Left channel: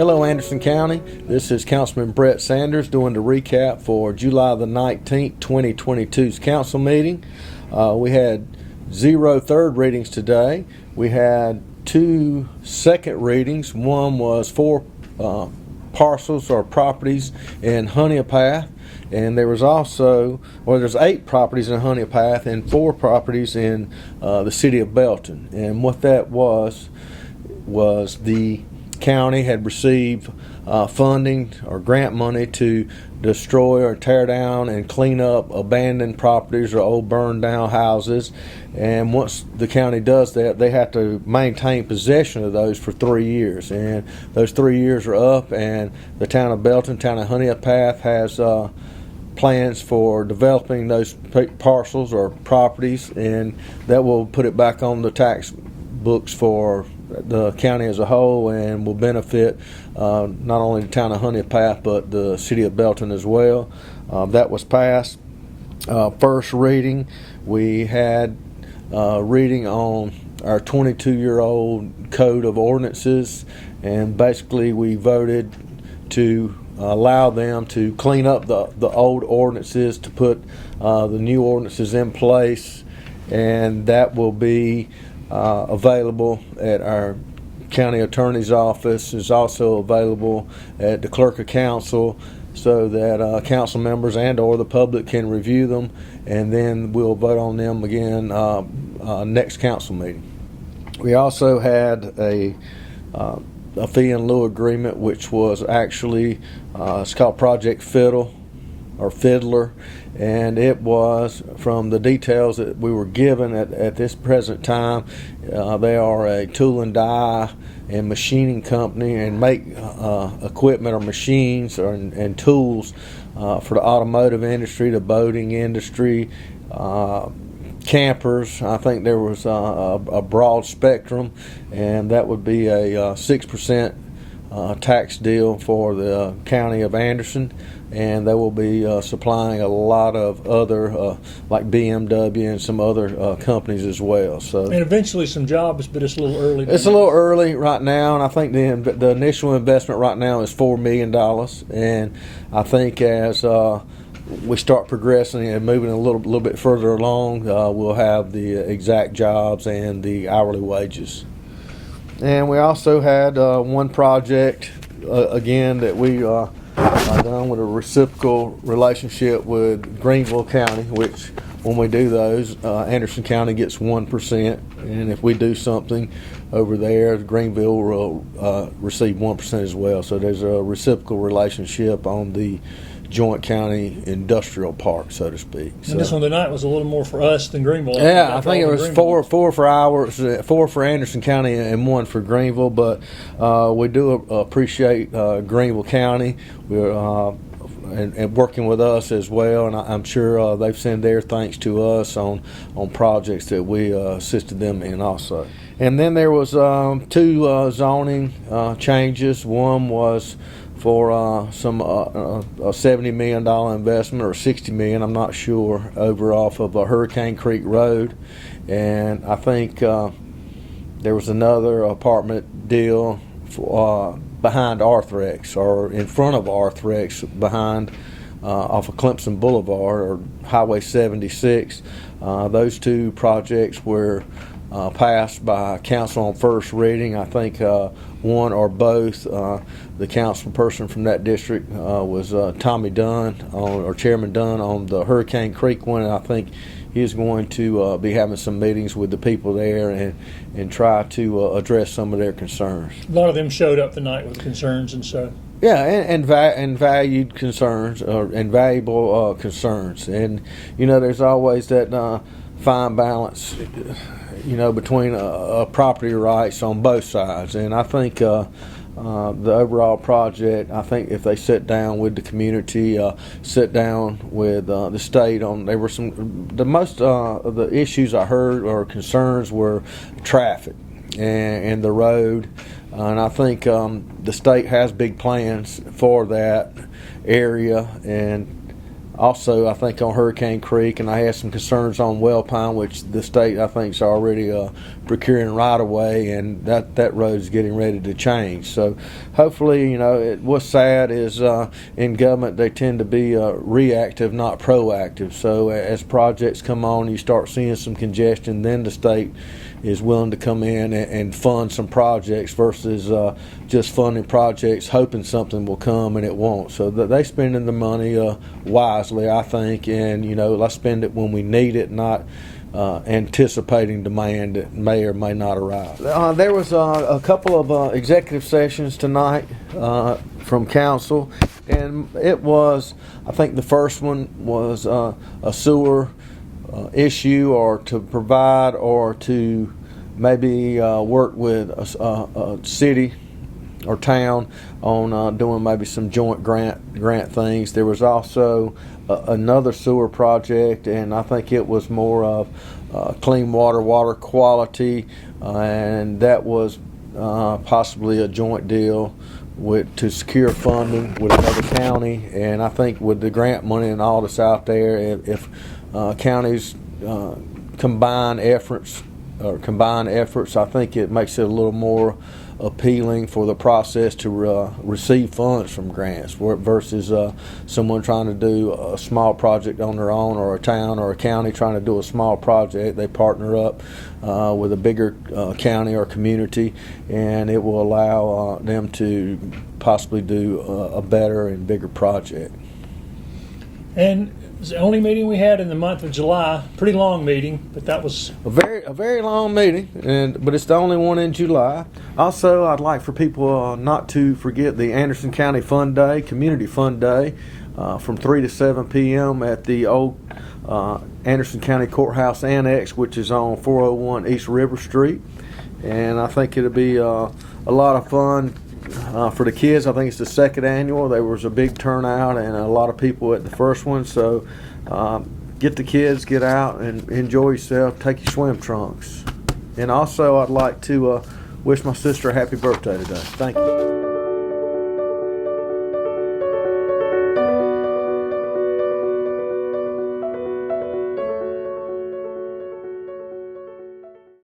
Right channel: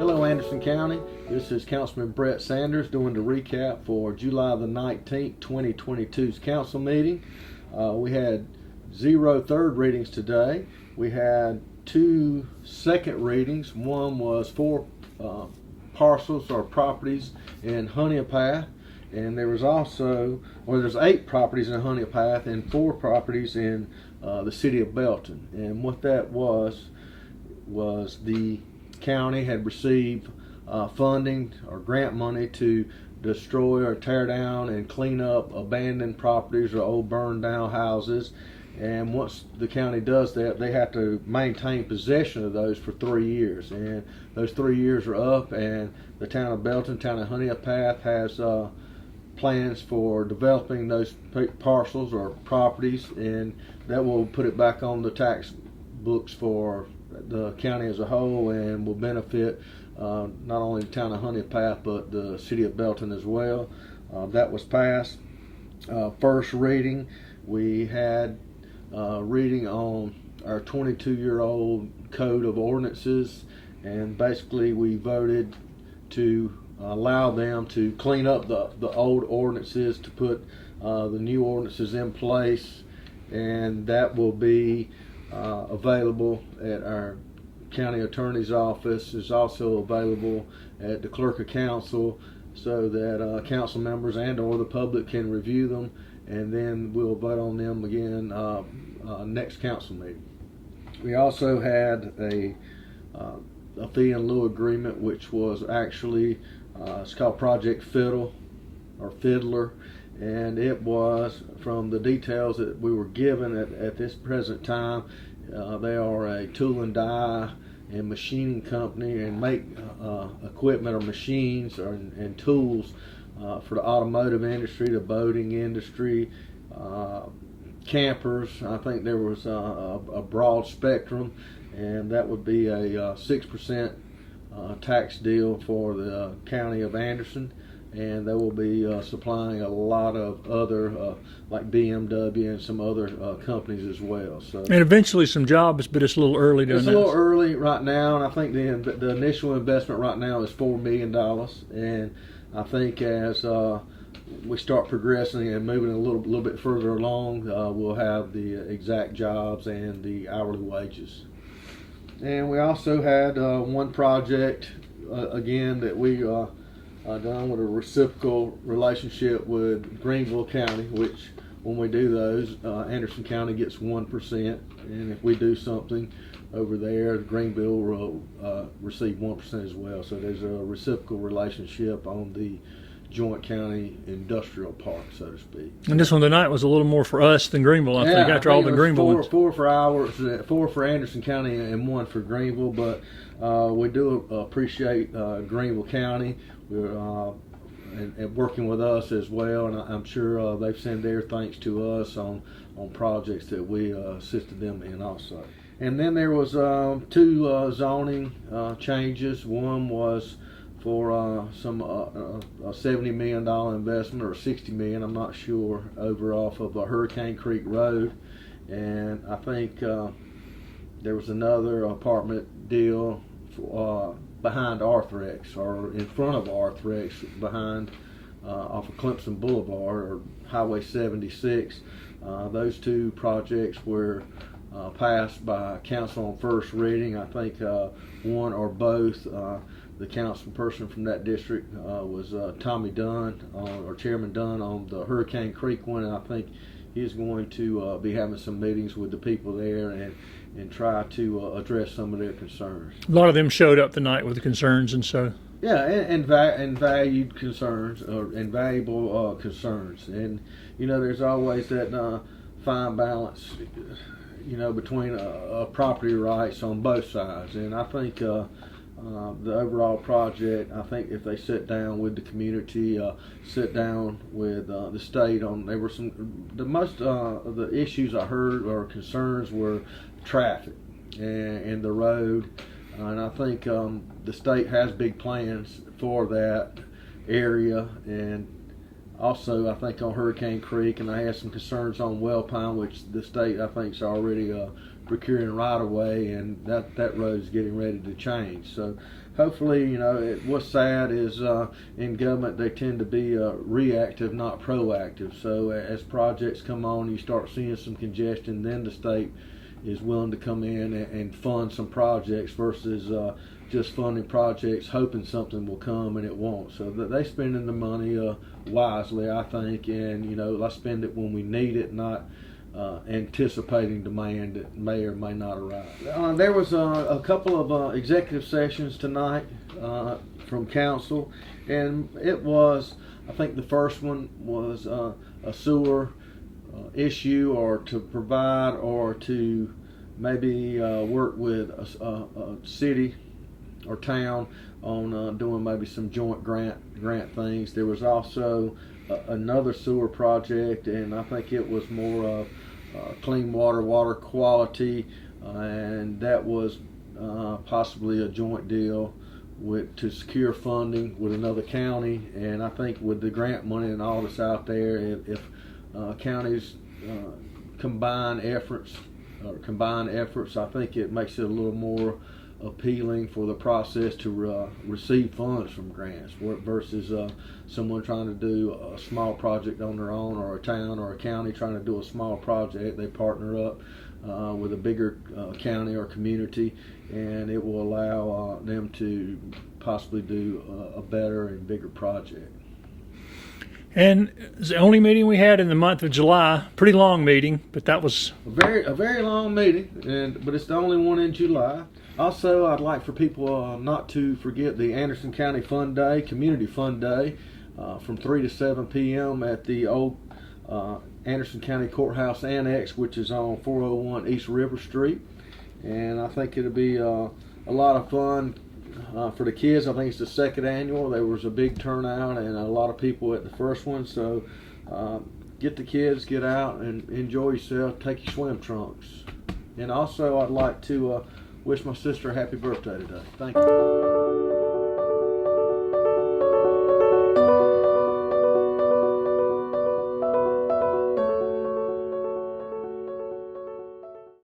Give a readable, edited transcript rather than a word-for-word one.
Hello, Anderson County. This is Councilman Brett Sanders doing the recap for July the 19th, 2022's council meeting. We had 0 third readings today. We had 2 second readings. One was 4 parcels or properties in Honeypath, and there was also, there's 8 properties in Honeypath and 4 properties in the city of Belton. And what that was the county had received funding or grant money to destroy or tear down and clean up abandoned properties or old burned down houses. And once the county does that, they have to maintain possession of those for 3 years. And those 3 years are up, and the town of Belton, town of Honeypath has plans for developing those parcels or properties, and that will put it back on the tax books for the county as a whole, and will benefit not only the town of Honeypath but the city of Belton as well. That was passed. First reading, we had reading on our 22-year-old code of ordinances, and basically we voted to allow them to clean up the old ordinances to put the new ordinances in place, and that will be available at our county attorney's office. Is also available at the clerk of council, so that council members and or the public can review them, and then we'll vote on them again next council meeting. We also had a fee in lieu agreement, which was actually it's called Project Fiddle or Fiddler, and it was, from the details that we were given at this present time, they are a tool and die and machining company, and make equipment or machines and tools for the automotive industry, the boating industry, campers. I think there was a broad spectrum, and that would be a 6% tax deal for the county of Anderson. And they will be supplying a lot of other, like BMW and some other companies as well. So, and eventually some jobs, but it's a little early. It's a little early right now, and I think the initial investment right now is $4 million. And I think as we start progressing and moving a little bit further along, we'll have the exact jobs and the hourly wages. And we also had one project again that we done with a reciprocal relationship with Greenville County, which when we do those, Anderson County gets 1%, and if we do something over there, Greenville will receive 1% as well. So there's a reciprocal relationship on the joint county industrial park, so to speak. And this one tonight was a little more for us than Greenville. I think it was four for ours, 4 for Anderson County and 1 for Greenville. But we do appreciate Greenville County. We're and working with us as well, and I'm sure they've sent their thanks to us on projects that we assisted them in also. And then there was 2 zoning changes. One was for some a $70 million investment, or $60 million, I'm not sure, over off of Hurricane Creek Road. And I think there was another apartment deal for, behind Arthrex, or in front of Arthrex, behind off of Clemson Boulevard or Highway 76. Those 2 projects were passed by council on first reading. I think one or both. The council person from that district was Tommy Dunn, or Chairman Dunn, on the Hurricane Creek one, and I think he's going to be having some meetings with the people there and try to address some of their concerns. A lot of them showed up tonight with concerns and so. Yeah, and valued concerns, and valuable concerns. And, there's always that fine balance, between property rights on both sides. And I think the overall project, I think if they sit down with the community, sit down with the state on, there were most of the issues I heard or concerns were traffic and the road. And I think the state has big plans for that area, and also, I think on Hurricane Creek, and I had some concerns on Wellpine, which the state I think is already procuring right away, and that road is getting ready to change. So hopefully, what's sad is in government they tend to be reactive, not proactive. So as projects come on, you start seeing some congestion, then the state is willing to come in and fund some projects versus just funding projects hoping something will come and it won't. So they spending the money wisely, I think, and let's spend it when we need it, not anticipating demand that may or may not arrive. There was a couple of executive sessions tonight from council, and it was, I think the first one was a sewer issue, or to provide, or to maybe work with a city or town on doing maybe some joint grant things. There was also another sewer project, and I think it was more of clean water quality, and that was possibly a joint deal to secure funding with another county. And I think with the grant money and all that's out there, if counties combine efforts, I think it makes it a little more appealing for the process to receive funds from grants versus someone trying to do a small project on their own, or a town or a county trying to do a small project. They partner up with a bigger county or community, and it will allow them to possibly do a better and bigger project. And it's the only meeting we had in the month of July. Pretty long meeting, but that was a very long meeting, but it's the only one in July. Also, I'd like for people not to forget the Anderson County Fun Day, Community Fun Day, from 3 to 7 p.m. at the old Anderson County Courthouse Annex, which is on 401 East River Street. And I think it'll be a lot of fun for the kids. I think it's the second annual. There was a big turnout and a lot of people at the first one. So get the kids, get out and enjoy yourself. Take your swim trunks. And also, I'd like to wish my sister a happy birthday today. Thank you.